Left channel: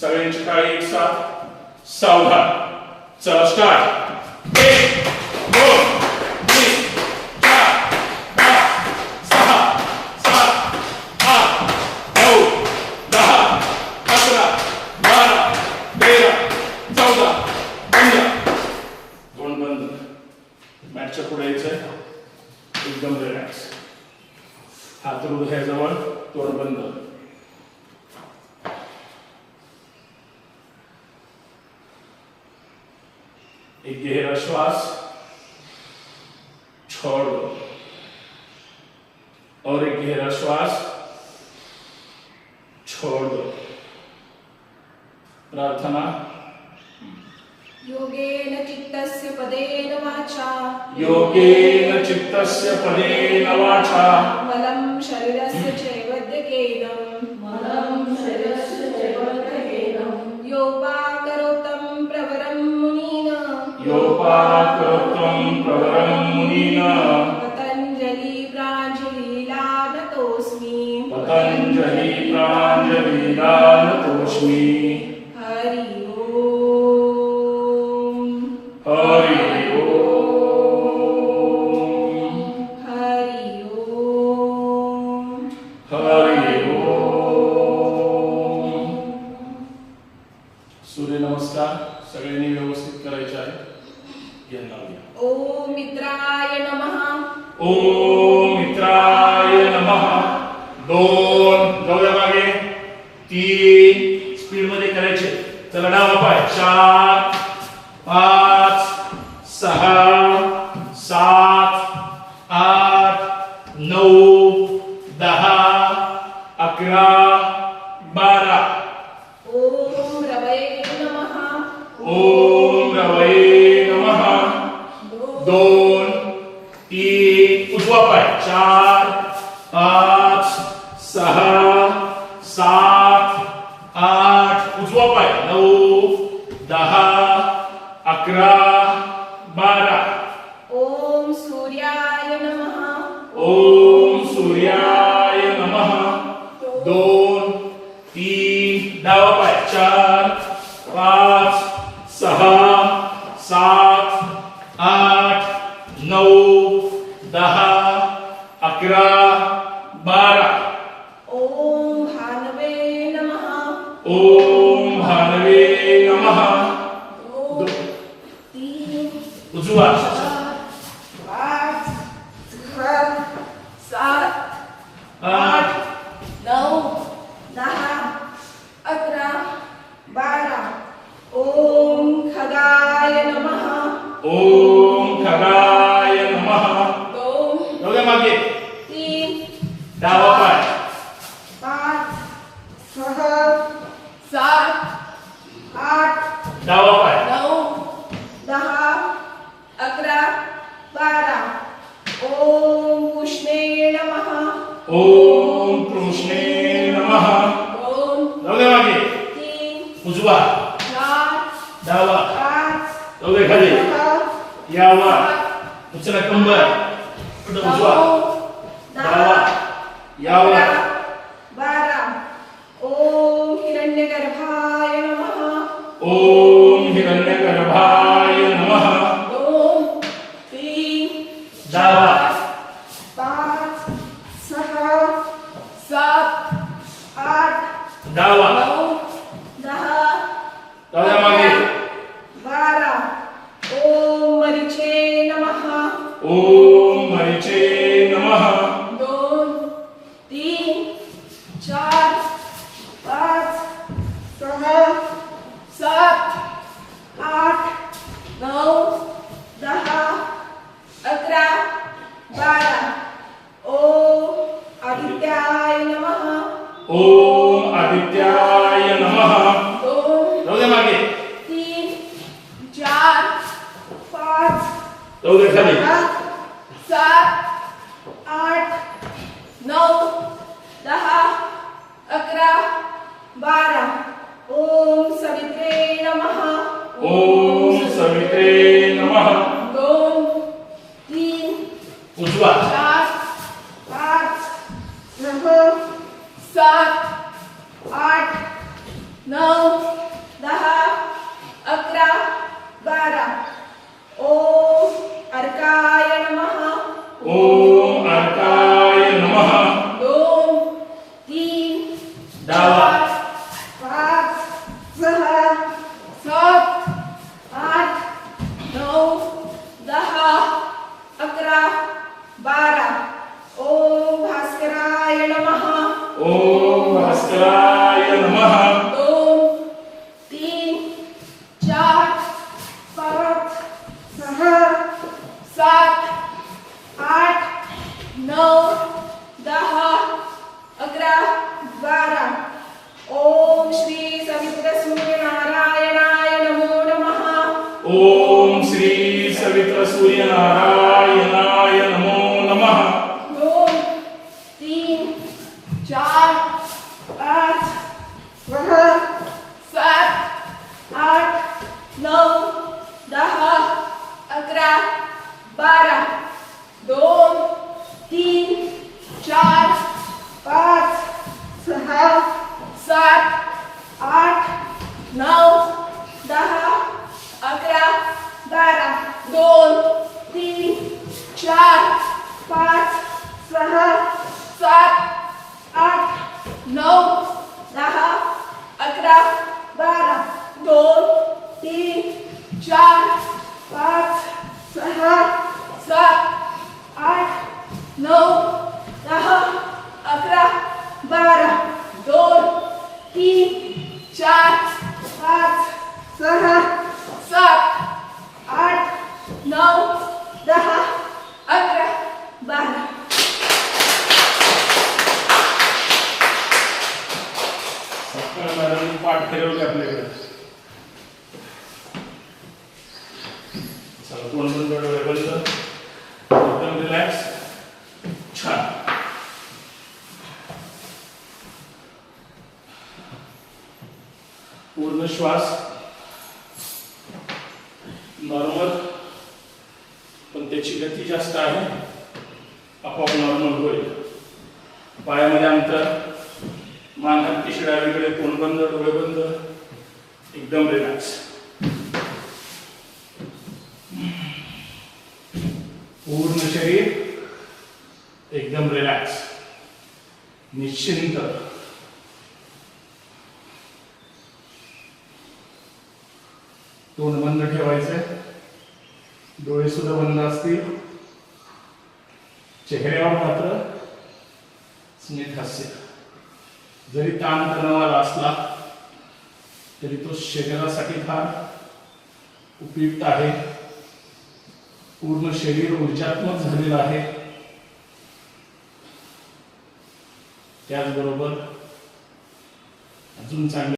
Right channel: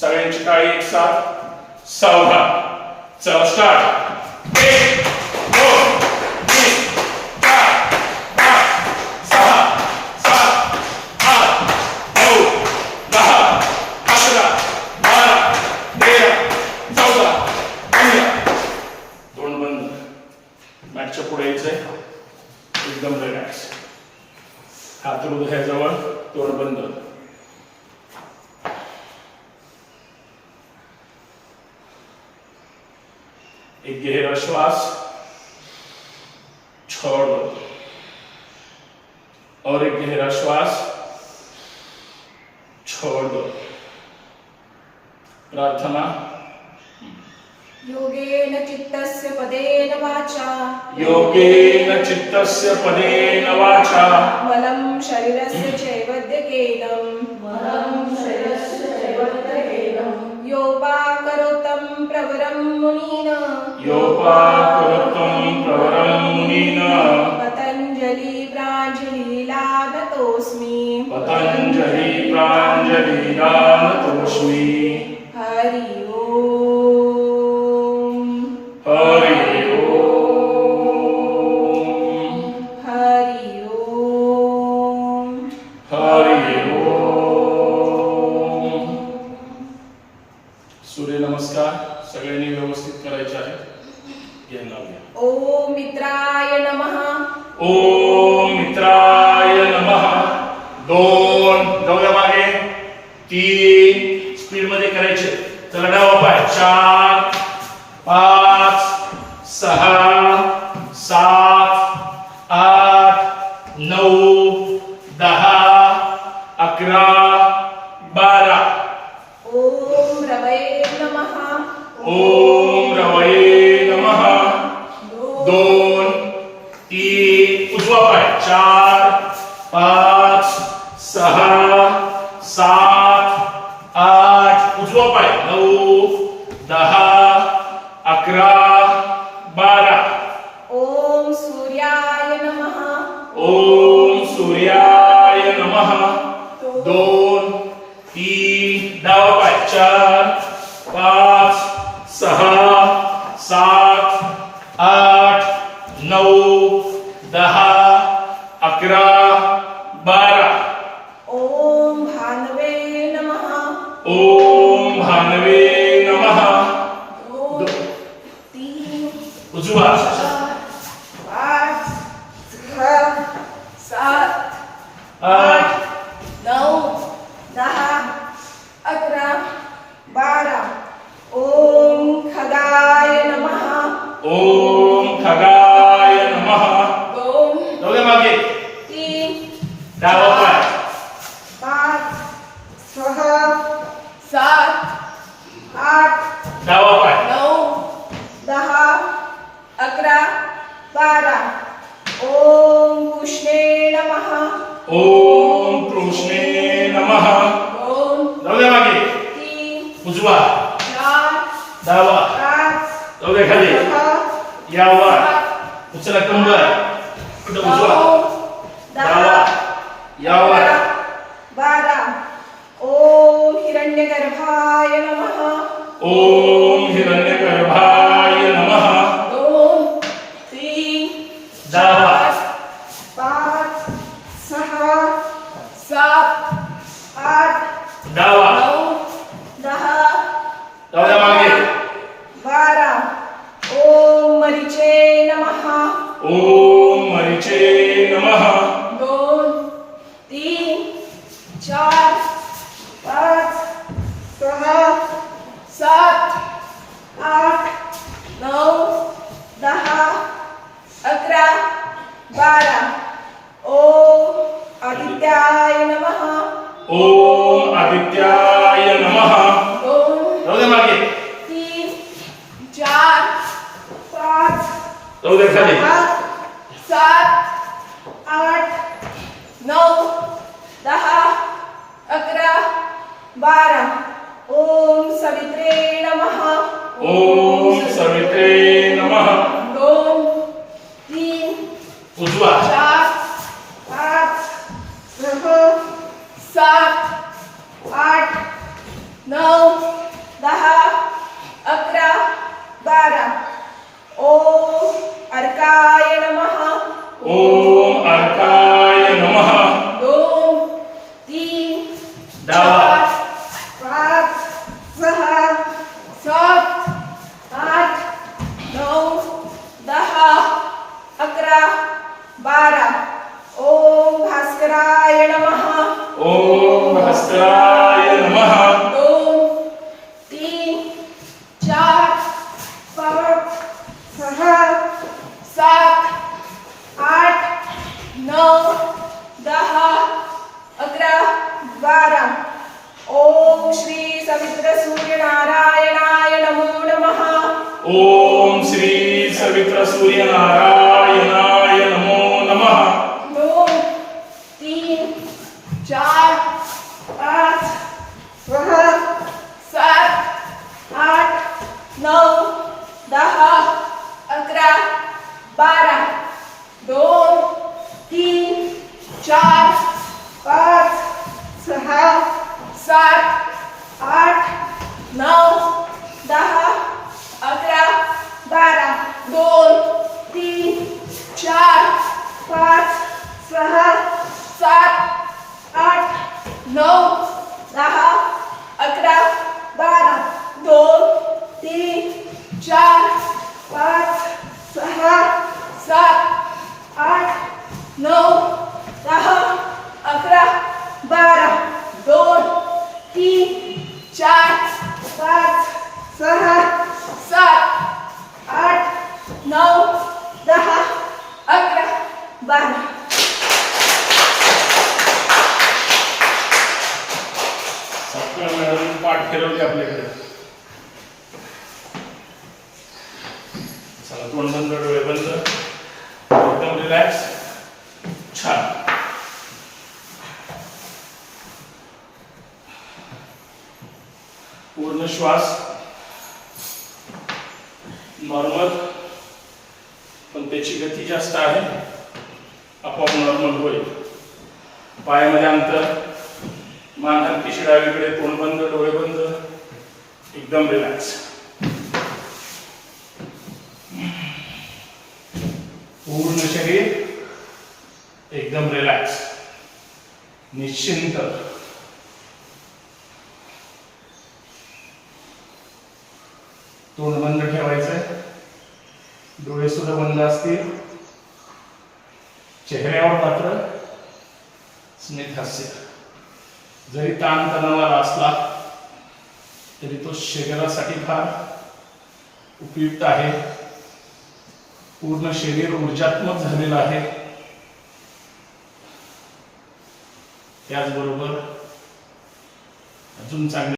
सगळ्यांची काळी एक साथ सावधान चला स्टार्ट एक दोन तीन चार पाच सहा सात आठ नऊ दहा अकरा बारा तेरा चौदा पंधरा दोन बंद मॅचच्या पुढे यायचंय एकदम रिलॅक्स हात हृदयाजवळ तोंड बंद एक गहरा श्वास छोड़ दो। और एक गहरा श्वास छोड़ दो। प्रार्थना। योगेन चित्तस्य पदेन वाचा। योगेन चित्तस्य पदेन वाचा। बलं शरीरस्य प्रवरं मुनीन। योपाकृतं प्रवरं मुनिन। पतञ्जलि प्राञ्जलिलादतोऽस्मि पतञ्जलि प्राञ्जलिदानतोऽस्मि सगळ्यांनी व्यवस्थित करायचे आहे. ॐ मित्राय नमः. ओम मित्राय नमः. दोन जाऊया मागे. तीन. स्पीडमध्ये करायचे. चला डावा पाय. चार. बारा ॐ सूर्याय नमः। ओम सूर्याय नमः। दोन तीन डावा चार पाच सहा सात आठ नऊ दहा अकरा बारा। Odzúváš. Várt, chrl, sát, om khagaya namaha. Om khagaya namaha. Om. Dobře, Magi. ओम कृष्णे नमः. दोन जाऊया मागे. तीन उजवा. चार डावा. पाच जाऊया खाली. सात उचला कंबर. कुठं उजवा? यावर अकरा बारा. ओम हिरण्यगर्भाय नमः. ओम हिरण्यगर्भाय नमः. दोन तीन डावा चार पाच सहा सात नऊ दहा. मागे. बारा. ओम मरीचे नमः. ओम मरीचे नमः दोन तीन चार पाच सहा सात आठ नऊ दहा अकरा बारा ओम आदित्याय नमः ओम आदित्याय नमः दोन जाऊया मागे तीन चार पाच जाऊया खाली सहा, सात आठ नऊ दहा अकरा बारा. ओम सवित्रे नमः. ओम सवित्रे नमः. दोन तीन उजवा. चार पाच सहा सात आठ नऊ दहा अकरा बारा. ओम अर्काय नमः. ओम अर्काय नमः दोन तीन डावा. चार पाच सहा सात आठ नऊ दहा अकरा बारा ओम नमः. ओम भास्कराय नमः. दोन तीन चार पाच सहा सात आठ नऊ दहा अकरा बारा ओम श्री सवित्र सूर्यनारायणाय नमो नमः. ओम श्री सवित्र सूर्य नारायणाय चार पाच सहा सात आठ नऊ दहा अकरा बारा दोन तीन चार पाच सहा सात आठ नऊ दहा अकरा बारा दोन तीन चार पाच सहा सात आठ नऊ दहा अकरा बारा दोन तीन चार पाच सहा सात आठ नऊ दहा अकरा बारा दोन तीन चार पाच सहा सात आठ नऊ दहा अकरा बारा. सकाळ मॅडम पाठ फिरवली आपल्याकडे. चला तोंड बंद डोळे बंद एकदम रिलॅक्स छान. पूर्ण श्वास. नॉर्मल. पण त्याची गती जास्त आहे. आपोआप नॉर्मल होईल. पायामध्ये अंतर. मान हलकी डावीकडे तोंड बंद डोळे बंद एकदम रिलॅक्स पूर्ण शरीर एकदम रिलॅक्स निश्चिंत. तोंड बंद ठेवायचंय. डोळे सुद्धा बंद असतील. चेहऱ्यावर मात्र स्मित हास्य. जरी ताण तणाव असला तरी तो शरीरासाठी फार उपयुक्त आहे. पूर्ण शरीर ऊर्जात्मक झालेलं आहे. त्याचबरोबर अजून चांगलं